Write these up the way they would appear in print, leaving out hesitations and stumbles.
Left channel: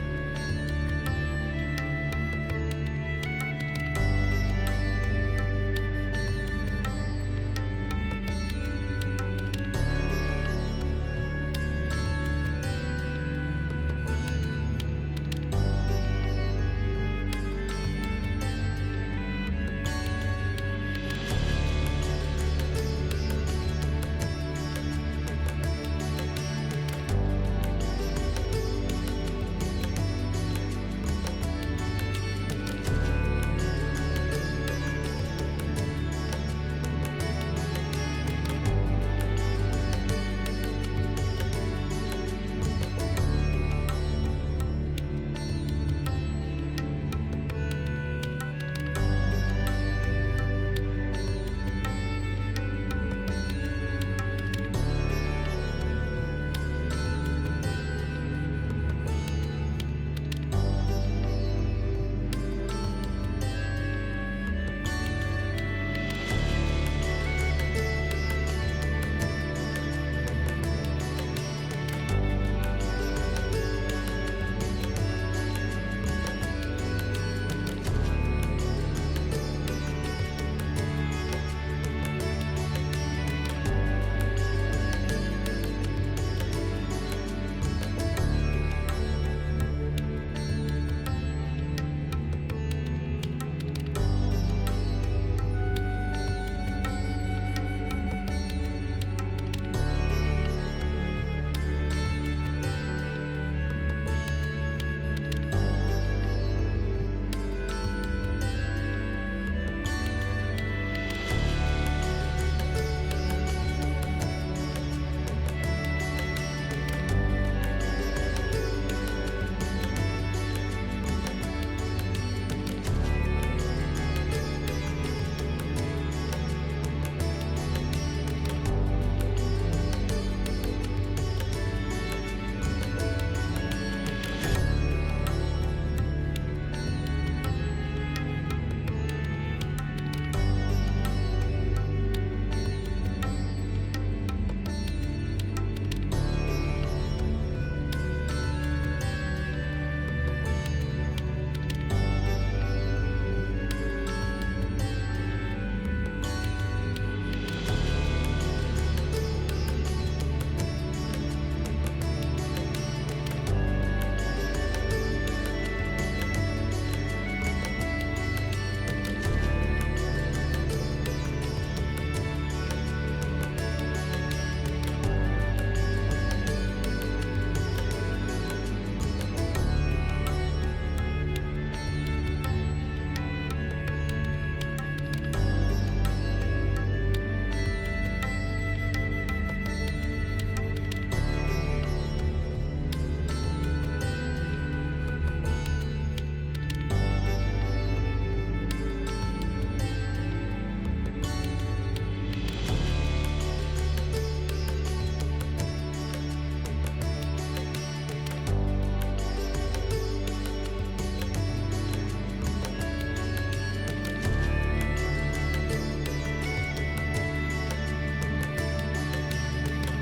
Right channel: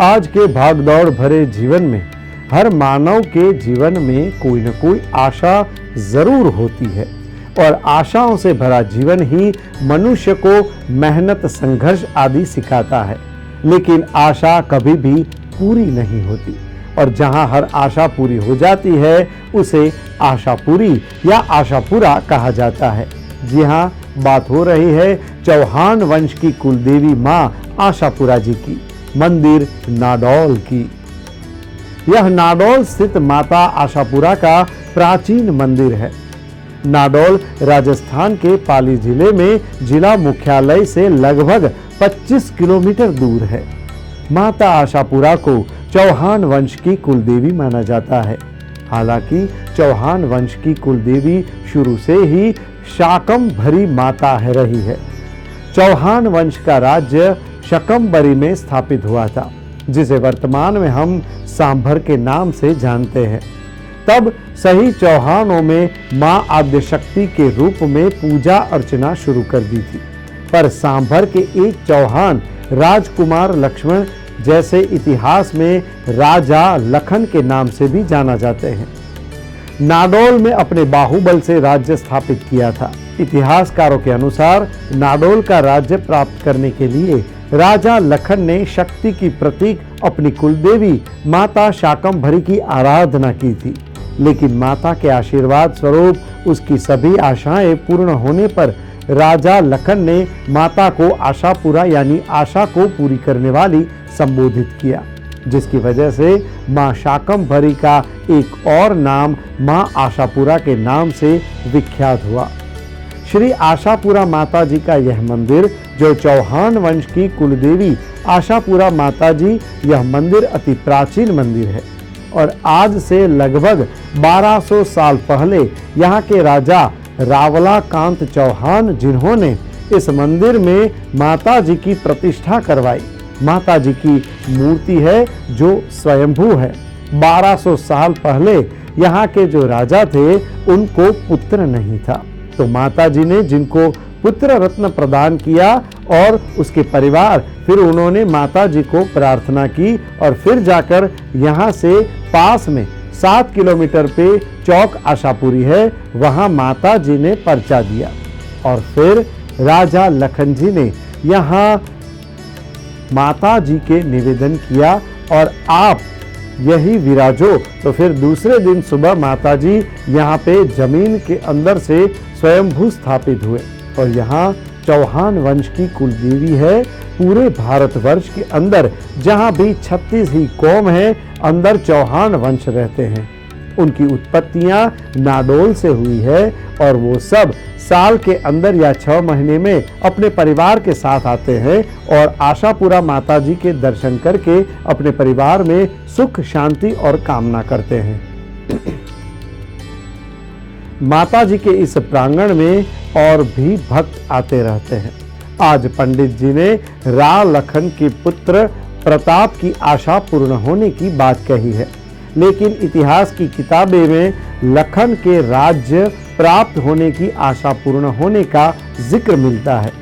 आज के भागदौड़ भरे जीवन में हर मानव के जीवन में कोई न कोई आशा जरूर होती है और आशाओं से भरा जीवन ही मनुष्य को मेहनत, संघर्ष आदि सिखाता है। लेकिन आशा कभी भी पूरी नहीं होती और जहां हर आशा पूरी हो जाती है उसे आशा पूरी या आशा पूरा कहा जाता है। जी हाँ, बात हो रही है चौहान वंश की कुलदेवी मां आशापुरा जी की, मंदिर नाडौल की। यह नाडौल स्थित माता आशापुरा का प्राचीन मंदिर है। नाडौल राजस्थान के पाली जिले में जिला मुख्यालय से लगभग 25 किलोमीटर दूर है। माता आशापुरा को चौहान वंश की कुलदेवी माना जाता है। हालांकि चौहान वंश की कुलदेवी शुरू से ही शाकंभरी माता है रही है। चौहान वंश का राज्य शकंबरी में स्थापित हुआ था, जिसे वर्तमान में हम सांभर के नाम से जानते हैं। तब सही चौहानों में मां आद्यशक्ति के रूप में पूजा अर्चना शुरू कर दी थी। पर सांभर के एक चौहान राजकुमार लक्ष्मण जैसे इतिहास में राजा लखन के नाम से भी जाना जाते हैं, नाडौल में अपने बाहुबल से राज्य स्थापित किया था। इतिहासकारों के अनुसार नाडौल का राज्य प्राप्त करने के लिए राजा लखन ने शक्ति की प्रतीक अपनी कुलदेवी माता शाकंभरी की आराधना की थी। लेकिन माता के आशीर्वाद स्वरूप उसकी सभी आशाएं पूर्ण होने पर राजा लखन ने माता को आशापुरा यानी आशा को पूरी करने वाली संबोधित किया, जिसकी वजह से मां शाकंभरी का एक और नाम मां आशापुरा के नाम से विख्यात हुआ। श्री आशापुरा माता जी का यह मंदिर, जो चौहान वंश की कुलदेवी आशापुरा माता जी, यह मंदिर अति प्राचीन मंदिर है और आज से लगभग 1200 साल पहले यहाँ के राजा रावलाकांत चौहान, जिन्होंने इस मंदिर में माता जी की प्रतिष्ठा करवाई। माता जी की मूर्ति है जो स्वयंभू है। 1200 साल पहले यहाँ के जो राजा थे उनको पुत्र नहीं था, तो माता जी ने जिनको पुत्र रत्न प्रदान किया और उसके परिवार, फिर उन्होंने माता जी को प्रार्थना की और फिर जाकर यहाँ से पास में 7 किलोमीटर पे चौक आशापुरी है, वहाँ माता जी ने पर्चा दिया और फिर राजा लखन जी ने यहाँ माता जी के निवेदन किया और आप यही विराजो। तो फिर दूसरे दिन सुबह माता जी यहाँ पे जमीन के अंदर से स्वयंभू स्थापित हुए और यहाँ चौहान वंश की कुलदेवी है। पूरे भारतवर्ष के अंदर जहाँ भी 36 ही कौम है, अंदर चौहान वंश रहते हैं। उनकी उत्पत्तियां नाडौल से हुई है और वो सब साल के अंदर या 6 महीने में अपने परिवार के साथ आते हैं और आशापुरा माता जी के दर्शन करके अपने परिवार में सुख, शांति और कामना करते हैं। माता जी के इस प्रांगण में और भी भक्त आते रहते हैं। आज पंडित जी ने राव लखन के पुत्र प्रताप की आशा पूर्ण होने की बात कही है, लेकिन इतिहास की किताबें में लखन के राज्य प्राप्त होने की आशा पूर्ण होने का जिक्र मिलता है।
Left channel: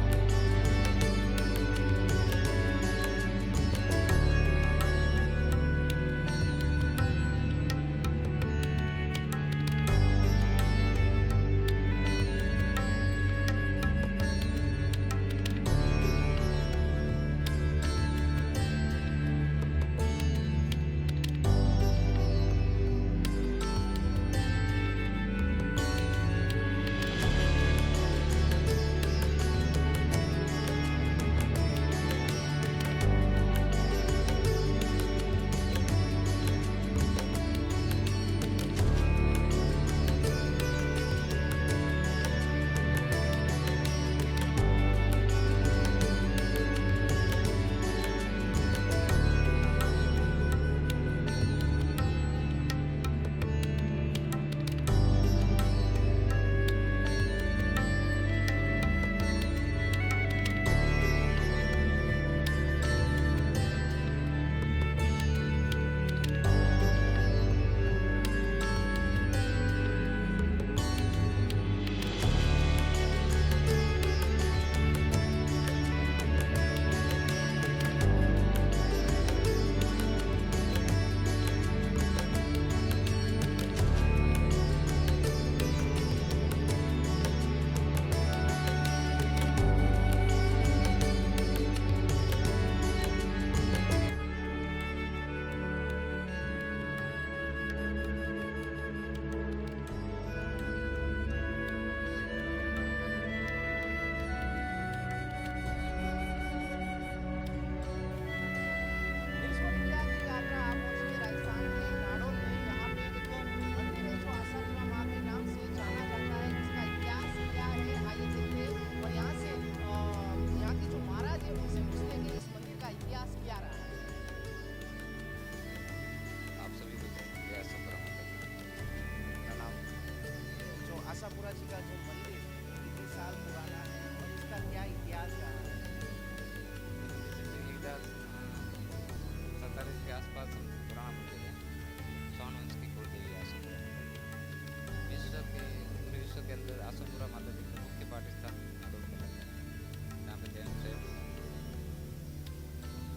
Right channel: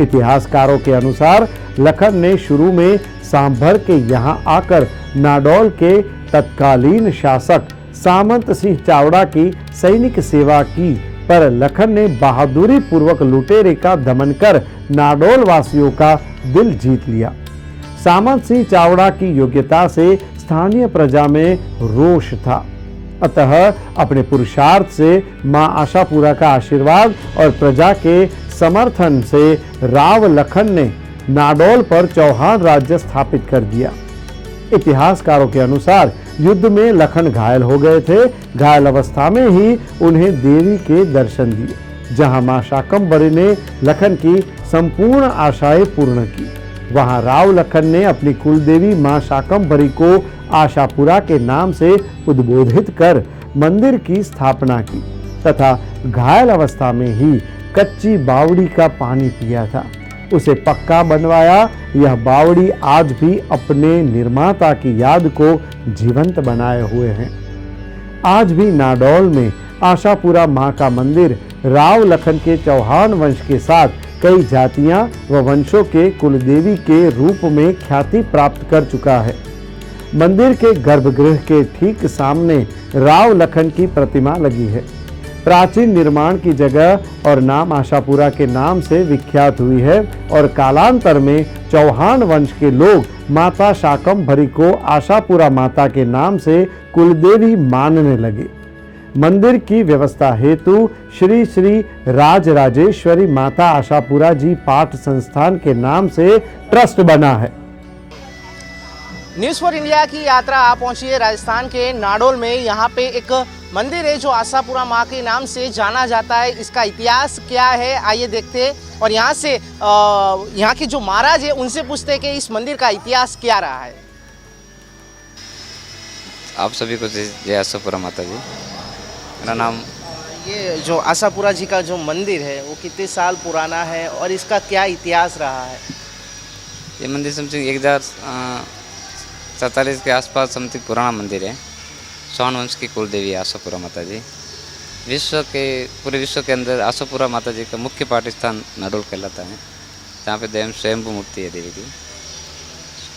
इतिहासकारों के अनुसार लखन ने शुरू में सांभर के यहाँ आकर नाडौल के तत्कालीन शासक सामंत सिंह चावड़ा की सैनिक सेवा की, पर लखन ने बहादुरी पूर्वक लुटेरे का दमन कर नाडौल वासियों का दिल जीत लिया। सामंत सिंह चावड़ा की योग्यता से स्थानीय प्रजा में रोष था, अतः अपने पुरुषार्थ से मां आशापुरा का आशीर्वाद और प्रजा के समर्थन से राव लखन ने नाडौल पर चौहान राज्य स्थापित कर दिया। इतिहासकारों के अनुसार युद्ध में लखन घायल हो गए थे। घायल अवस्था में ही उन्हें देवी के दर्शन दिए, जहां मां शाकंभरी ने लखन की संपूर्ण आशाएं पूर्ण की। वहां राव लखन ने अपनी कुलदेवी मां शाकंभरी को आशापुरा के नाम से उद्बोधित कर मंदिर की स्थापना की तथा घायल अवस्था में ही कच्ची बावड़ी का पानी पिया था, उसे पक्का बनवाया। यह बावड़ी आज भी अपने निर्माता की याद को जीवंत बनाए हुए हैं। आज भी नाडौल में आशापुरा मां का मंदिर राव लखन के चौहान वंश के साथ कई जातियां व वंशों के कुलदेवी के रूप में ख्याति प्राप्त कर चुका है। मंदिर के गर्भगृह के ठीक सामने राव लखन की प्रतिमा लगी है। प्राचीन निर्माण की जगह और नाम आशापुरा के नाम से विख्यात हुई है और कालांतर में चौहान वंश के लोग माता शाकंभरी को आशापुरा माता के नाम से कुलदेवी मानने लगे। मंदिर की व्यवस्था हेतु श्री श्री राजराजेश्वरी माता आशापुरा जी पाठ संस्थान के नाम से ट्रस्ट बना है। न्यूज़ फॉर इंडिया की यात्रा आप पहुंची है राजस्थान के नाडोल में। यहाँ पे एक मंदिर है जो आशापुरा माँ के नाम से जाना जाता है। इसका इतिहास क्या है आइए देखते हैं और यहाँ से यहाँ के जो महाराज है उनसे पूछते हैं कि इस मंदिर का इतिहास क्या रहा है। आप सभी को जय आशापुरा माता जी। मेरा नाम ये जो आशापुरा जी का जो मंदिर है वो कितने साल पुराना है और इसका क्या इतिहास रहा है? ये मंदिर समथिंग 1047 के आसपास समथिंग पुराना मंदिर है। चौहान वंश की कुलदेवी आशापुरा माता जी। पूरे विश्व के अंदर आशापुरा माता जी का मुख्य पाठ स्थान नाडोल कहलाता है, जहाँ पे स्वयंभू मूर्ति है देवी की।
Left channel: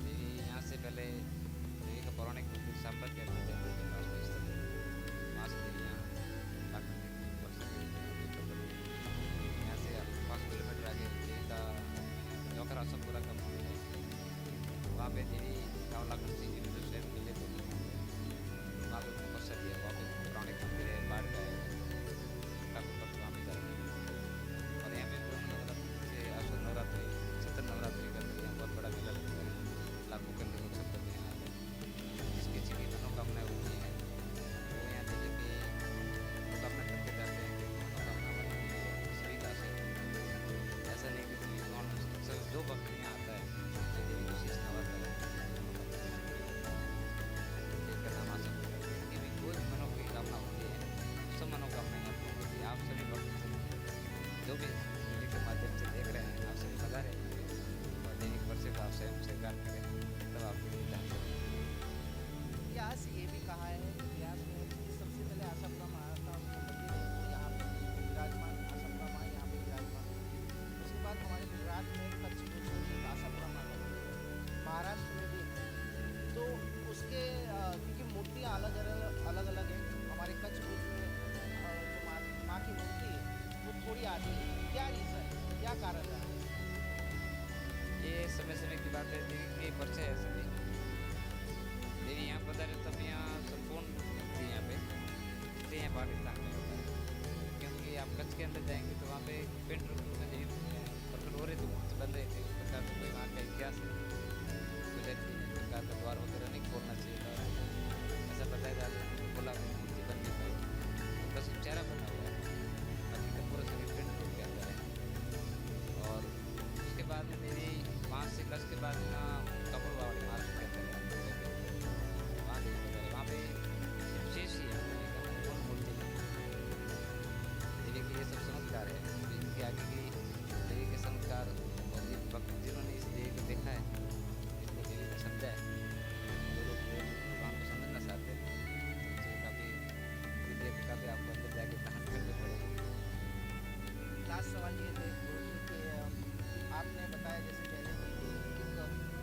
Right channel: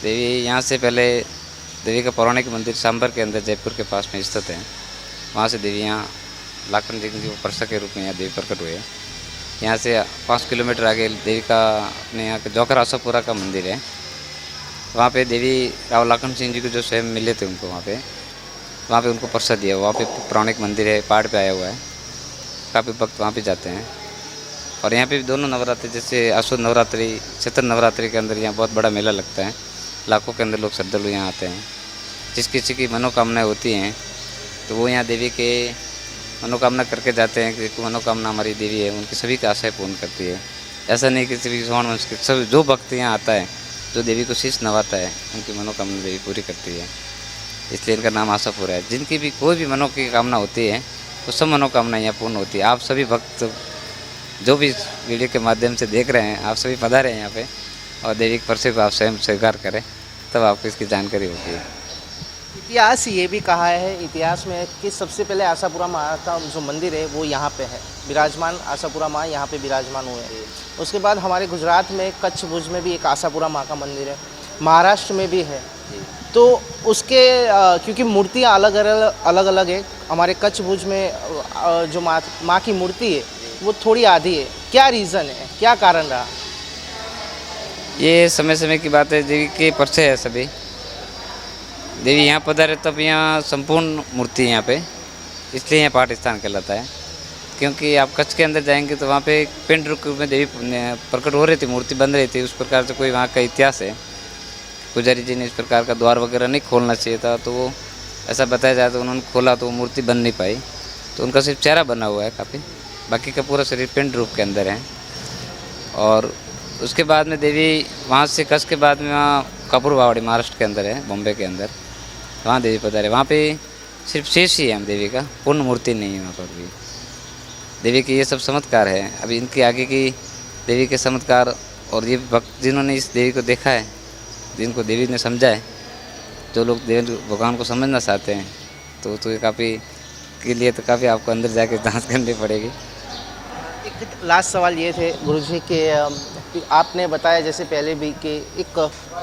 देवी यहाँ से पहले देवी का पौराणिक मंदिर सांबर के अंदर जयपुर के पास में स्थित है। वहाँ से देवी यहाँ लाखन जी को परसा के रूप में यहाँ देवी प्रकट हुए। यहाँ से 5 किलोमीटर आगे देवी का अपने यहाँ के जोकर आशापुरा का मंदिर है। वहाँ पे देवी राव लाखन सिंह जी को जो स्वयं मिले थे उनको वहाँ पे उनको परसा दिया। वहाँ पे पौराणिक मंदिर है, पहाड़ पे आया हुआ है। काफ़ी भक्त वहाँ पे जाते हैं और यहाँ पे भी दोनों नवरात्रि जैसे आसुद नवरात्रि, चैत्र नवरात्रि के अंदर यहाँ बहुत बड़ा मेला लगता है। लाखों के अंदर लोग श्रद्धालु यहाँ आते हैं। जिस किसी की मनोकामनाएँ होती हैं तो वो यहाँ देवी के मनोकामना करके जाते हैं कि मनोकामना हमारी देवी है, उनकी सभी की आशाएँ पूर्ण करती है। ऐसा नहीं कि किसी चौहान वंश के सब जो भक्त यहाँ आता है, जो देवी को शीश नवाता है, उनकी मनोकामना देवी पूरी करती है। इसलिए इनका नाम आशापुरा है। जिनकी भी कोई भी मनो की कामना होती है तो सब मनोकामना यहाँ पूर्ण होती है। आप सभी भक्त जो भी वीडियो के माध्यम से देख रहे हैं, आप सभी पधारे हैं यहाँ पे और देवी के परसे को आप स्वयं स्वीकार करें, तब आपको इसकी जानकारी होगी। इतिहास ये भी कहा है इतिहास में कि सबसे पहले आशापुरा माँ का जो मंदिर है वो यहाँ पे है विराजमान। आशापुरा माँ यहाँ पे विराजमान हुए हैं। उसके बाद हमारे गुजरात में कच्छ भुज में भी एक आशापुरा माँ का मंदिर है, महाराष्ट्र में भी है। तो उसके क्योंकि मूर्तियाँ अलग अलग है। हमारे कच्छ भुज में जो माँ की मूर्ति है वो थोड़ी आधी है। क्या रीज़न है, क्या कारण रहा? ये समय समय की बात है। देवी के परसे है सभी। देवी यहाँ पधारे तब यहाँ संपूर्ण मूर्ति यहाँ पे, इसलिए यहाँ पाठ स्थान कहलाता है। क्योंकि आप कच्छ के अंदर जाएंगे तो वहाँ पे एक पिंड रूप में देवी प्रकट हो रही थी, मूर्ति बन रही थी। उस प्रकार से कोई वहाँ का इतिहास है। पुजारी जी ने इस प्रकार का द्वार वगैरह नहीं खोलना चाहिए था, तो वो ऐसा बताया जाए तो उन्होंने खोला तो वो मूर्ति बन नहीं पाई। तो उनका सिर्फ चेहरा बना हुआ है काफ़ी, बाकी का पूरा शरीर पिंड रूप के अंदर है। और उसके बाद में देवी वहाँ से कच्छ के बाद में वहाँ कपूरवाड़ी महाराष्ट्र के अंदर है, बॉम्बे के अंदर, वहाँ देवी पधारे। वहाँ पे सिर्फ शेष ही है हम देवी का, पूर्ण मूर्ति नहीं है वहाँ पर भी। देवी के ये सब चमत्कार है। अभी इनके आगे की देवी के चमत्कार और ये भक्त जिन्होंने इस देवी को देखा है, जिनको देवी ने समझा है, जो लोग देवी भगवान को समझना चाहते हैं तो ये काफ़ी के लिए तो काफ़ी आपको अंदर जाके जांच करनी पड़ेगी। एक लास्ट सवाल ये थे गुरुजी के, आपने बताया जैसे पहले भी कि एक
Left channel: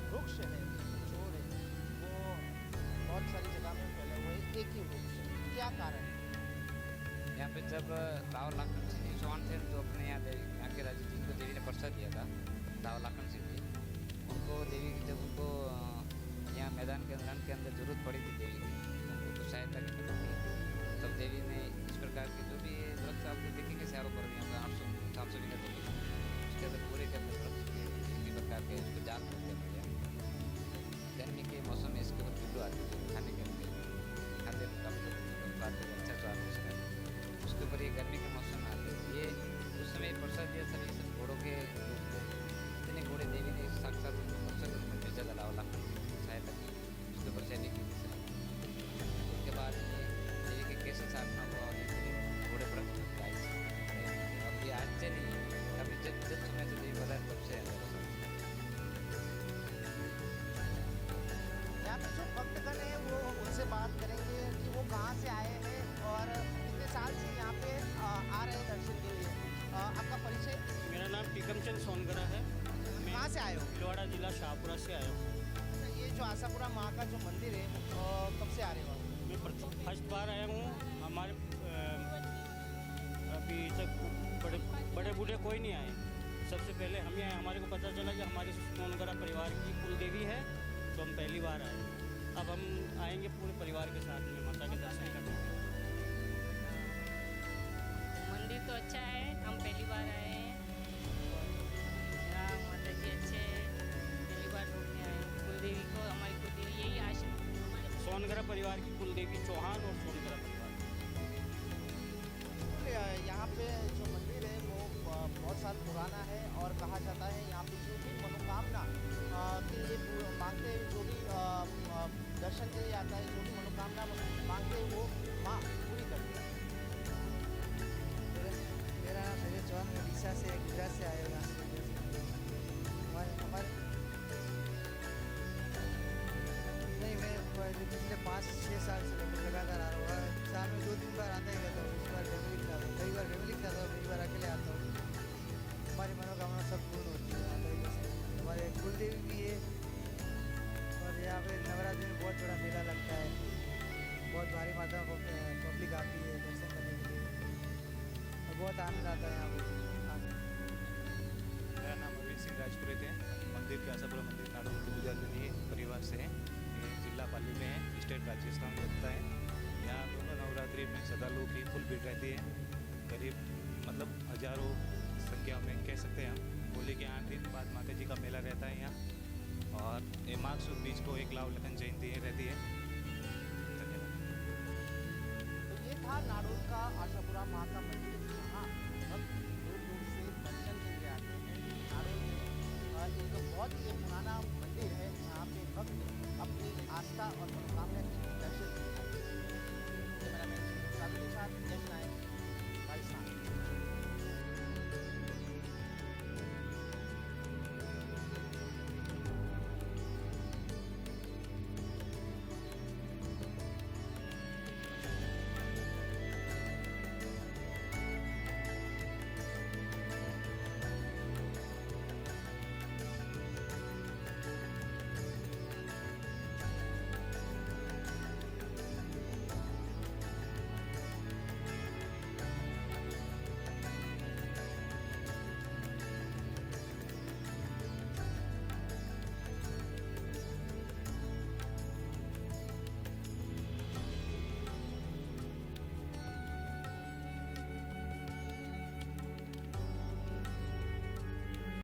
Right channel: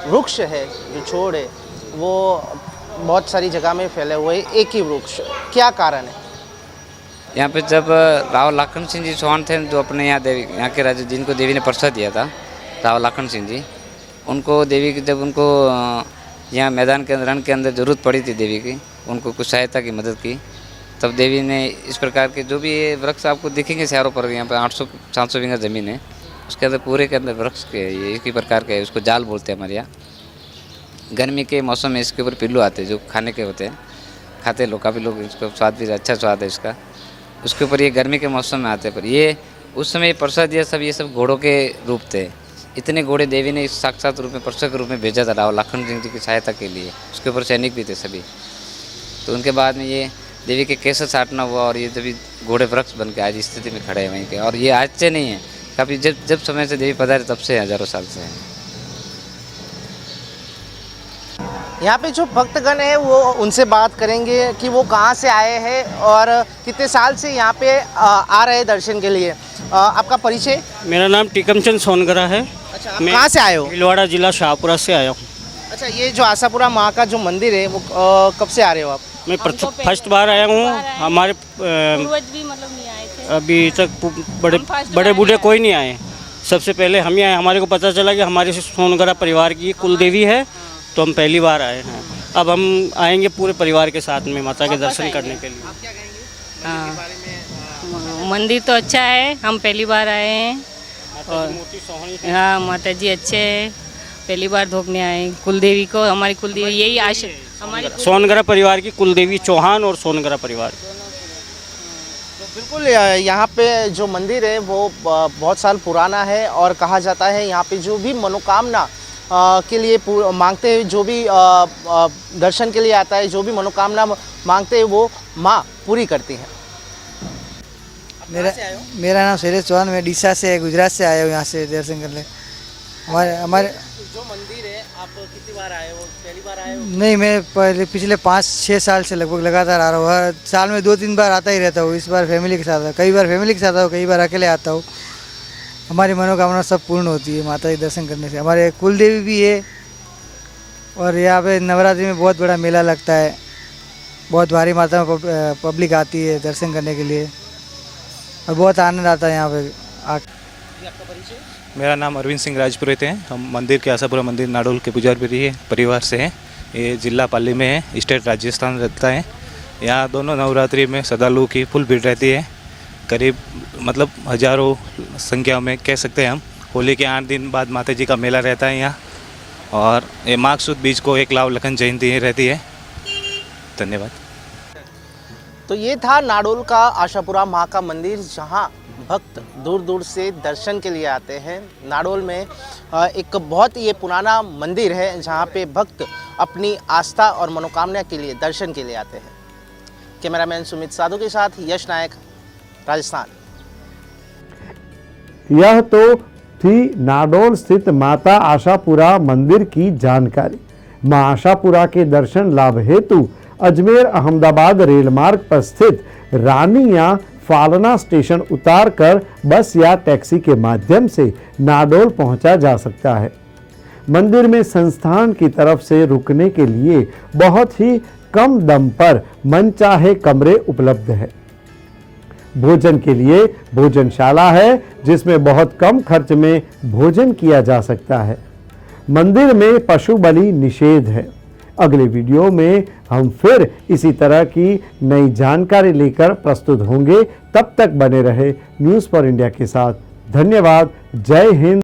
वृक्ष है जो छोड़ है वो बहुत सारी जगह में फैले हुए एक ही वृक्ष, क्या कारण है? यहाँ पे जब राव लाखन सिंह जी चौहान थे जो अपने यहाँ के राजा जिनको देवी ने परसा दिया था, राव लाखन सिंह जी, उनको देवी की जब उनको यहाँ मैदान के रण के अंदर ज़रूरत पड़ी थी देवी की, उनको कुछ सहायता की मदद की, तब देवी ने इस प्रकार के जो भी ये वृक्ष आपको दिखेंगे चारों पर, यहाँ पे 800-700 बीघा ज़मीन है, उसके अंदर पूरे के अंदर वृक्ष के ये एक ही प्रकार के है। उसको जाल बोलते हैं हमारे यहाँ। गर्मी के मौसम में इसके ऊपर पिल्लू आते हैं जो खाने के होते हैं, खाते लोग, काफ़ी लोग, इसका स्वाद भी अच्छा स्वाद है इसका। उसके ऊपर ये गर्मी के मौसम में आते हैं। पर ये उस समय परसा दिया सब, ये सब घोड़ों के रूप थे। इतने घोड़े देवी ने साक्षात रूप में परसा के रूप में भेजा था राव लाखन सिंह जी की सहायता के लिए। उसके ऊपर सैनिक भी थे सभी। तो उनके बाद में ये देवी के केसर छाटना हुआ और ये जब घोड़े वृक्ष बन के आज स्थिति में खड़े हैं वहीं पे। और ये आज से नहीं है, काफ़ी जब समय से देवी पधारे तब से हज़ारों साल से है। यहाँ पे जो भक्तगण है वो उनसे बात करेंगे कि वो कहाँ से आए हैं और कितने साल से यहाँ पे आ रहे हैं दर्शन के लिए। आपका परिचय? मेरा नाम टीकमचंद सोनगरा है। अच्छा, आप मैं कहाँ से आए हो? भीलवाड़ा जिला शाहपुरा से आया हूँ। अच्छा, ये जो आशापुरा माँ का जो मंदिर है वो कब से आ रहे हो आप? मैं फर्स्ट बार आया हूँ। हमारे पूर्वज भी मतलब नहीं आए थे। अभी तक बड़े बूढ़े कोई नहीं आए। सबसे पहले हम ही आए। हमारे को पता चला कि हमारे सोनगरा परिवार की कुल देवी है, तो हम पहली बार आए हैं। अब हम आएंगे पूरे परिवार के साथ में माता के दर्शन करने के लिए। आप क्या कहेंगे हाँ, मंदिर तो अच्छा है, हम पहली बार आए हैं। और हाँ, माता जी अच्छे हैं, पहली बार धोखने आए। कुलदेवी को, हमारी कुलदेवी यही आशा हमारी सोनगरा परिवार की कुलदेवी चौहान और सोनगरा परिवार। तो बिल्कुल यहाँ पे जो मंदिर है वो बहुत साल पुराना है और कहा जाता है यहाँ पे जो भी मनोकामना के लिए मांगते हैं, जो भी दर्शन के लिए आता है, जो भी मनोकामना मांगते हैं वो माँ पूरी करती हैं। मेरा नाम शैलेश चौहान, मैं डीसा से गुजरात से आया हूँ यहाँ से दर्शन करने। हमारे जो मंदिर है आप कितनी बार आए हो? पहली बार आए हो? नहीं, मैं पिछले 5-6 साल से लगभग लगातार आ रहा हूँ। हर साल में 2-3 बार आता ही रहता हूँ। इस बार फैमिली के साथ आया, कई बार फैमिली के साथ आता हूँ, कई बार अकेले आता हूँ। हमारी मनोकामना सब पूर्ण होती है माता के दर्शन करने से। हमारे कुल देवी भी है और यहाँ पे नवरात्रि में बहुत बड़ा मेला लगता है। बहुत भारी मात्रा में पब्लिक आती है दर्शन करने के लिए और बहुत आनंद आता है यहाँ पे आकर। मेरा नाम अरविंद सिंह राजपुरोहित है। हम मंदिर के आशापुरा मंदिर नाडोल के पुजारी परिवार से हैं। ये जिला पाली में है, स्टेट राजस्थान रहता है। यहाँ दोनों नवरात्रि में श्रद्धालुओं की फुल भीड़ रहती है। करीब मतलब हजारों संख्या में कह सकते हैं हम। होली के 8 दिन बाद माता जी का मेला रहता है यहाँ, और ये माघ सुद बीज को एक लाव लखन जयंती रहती है। धन्यवाद। तो ये था नाडोल का आशापुरा माँ का मंदिर, जहाँ भक्त दूर दूर से दर्शन के लिए आते हैं। नाडोल में एक बहुत ये पुराना मंदिर है जहाँ पे भक्त अपनी आस्था और मनोकामना के लिए दर्शन के लिए आते हैं। कैमरामैन सुमित साधु के साथ यश नायक, राजस्थान। यह तो थी नाडोल स्थित माता आशापुरा मंदिर की जानकारी। मां आशापुरा के दर्शन लाभ हेतु अजमेर अहमदाबाद रेल मार्ग पर स्थित रानी या फालना स्टेशन उतारकर बस या टैक्सी के माध्यम से नाडोल पहुंचा जा सकता है। मंदिर में संस्थान की तरफ से रुकने के लिए बहुत ही कम दम पर मनचाहे कमरे उपलब्ध है। भोजन के लिए भोजनशाला है जिसमें बहुत कम खर्च में भोजन किया जा सकता है। मंदिर में पशु बलि निषेध है। अगले वीडियो में हम फिर इसी तरह की नई जानकारी लेकर प्रस्तुत होंगे। तब तक बने रहे न्यूज़ फॉर इंडिया के साथ। धन्यवाद। जय हिंद।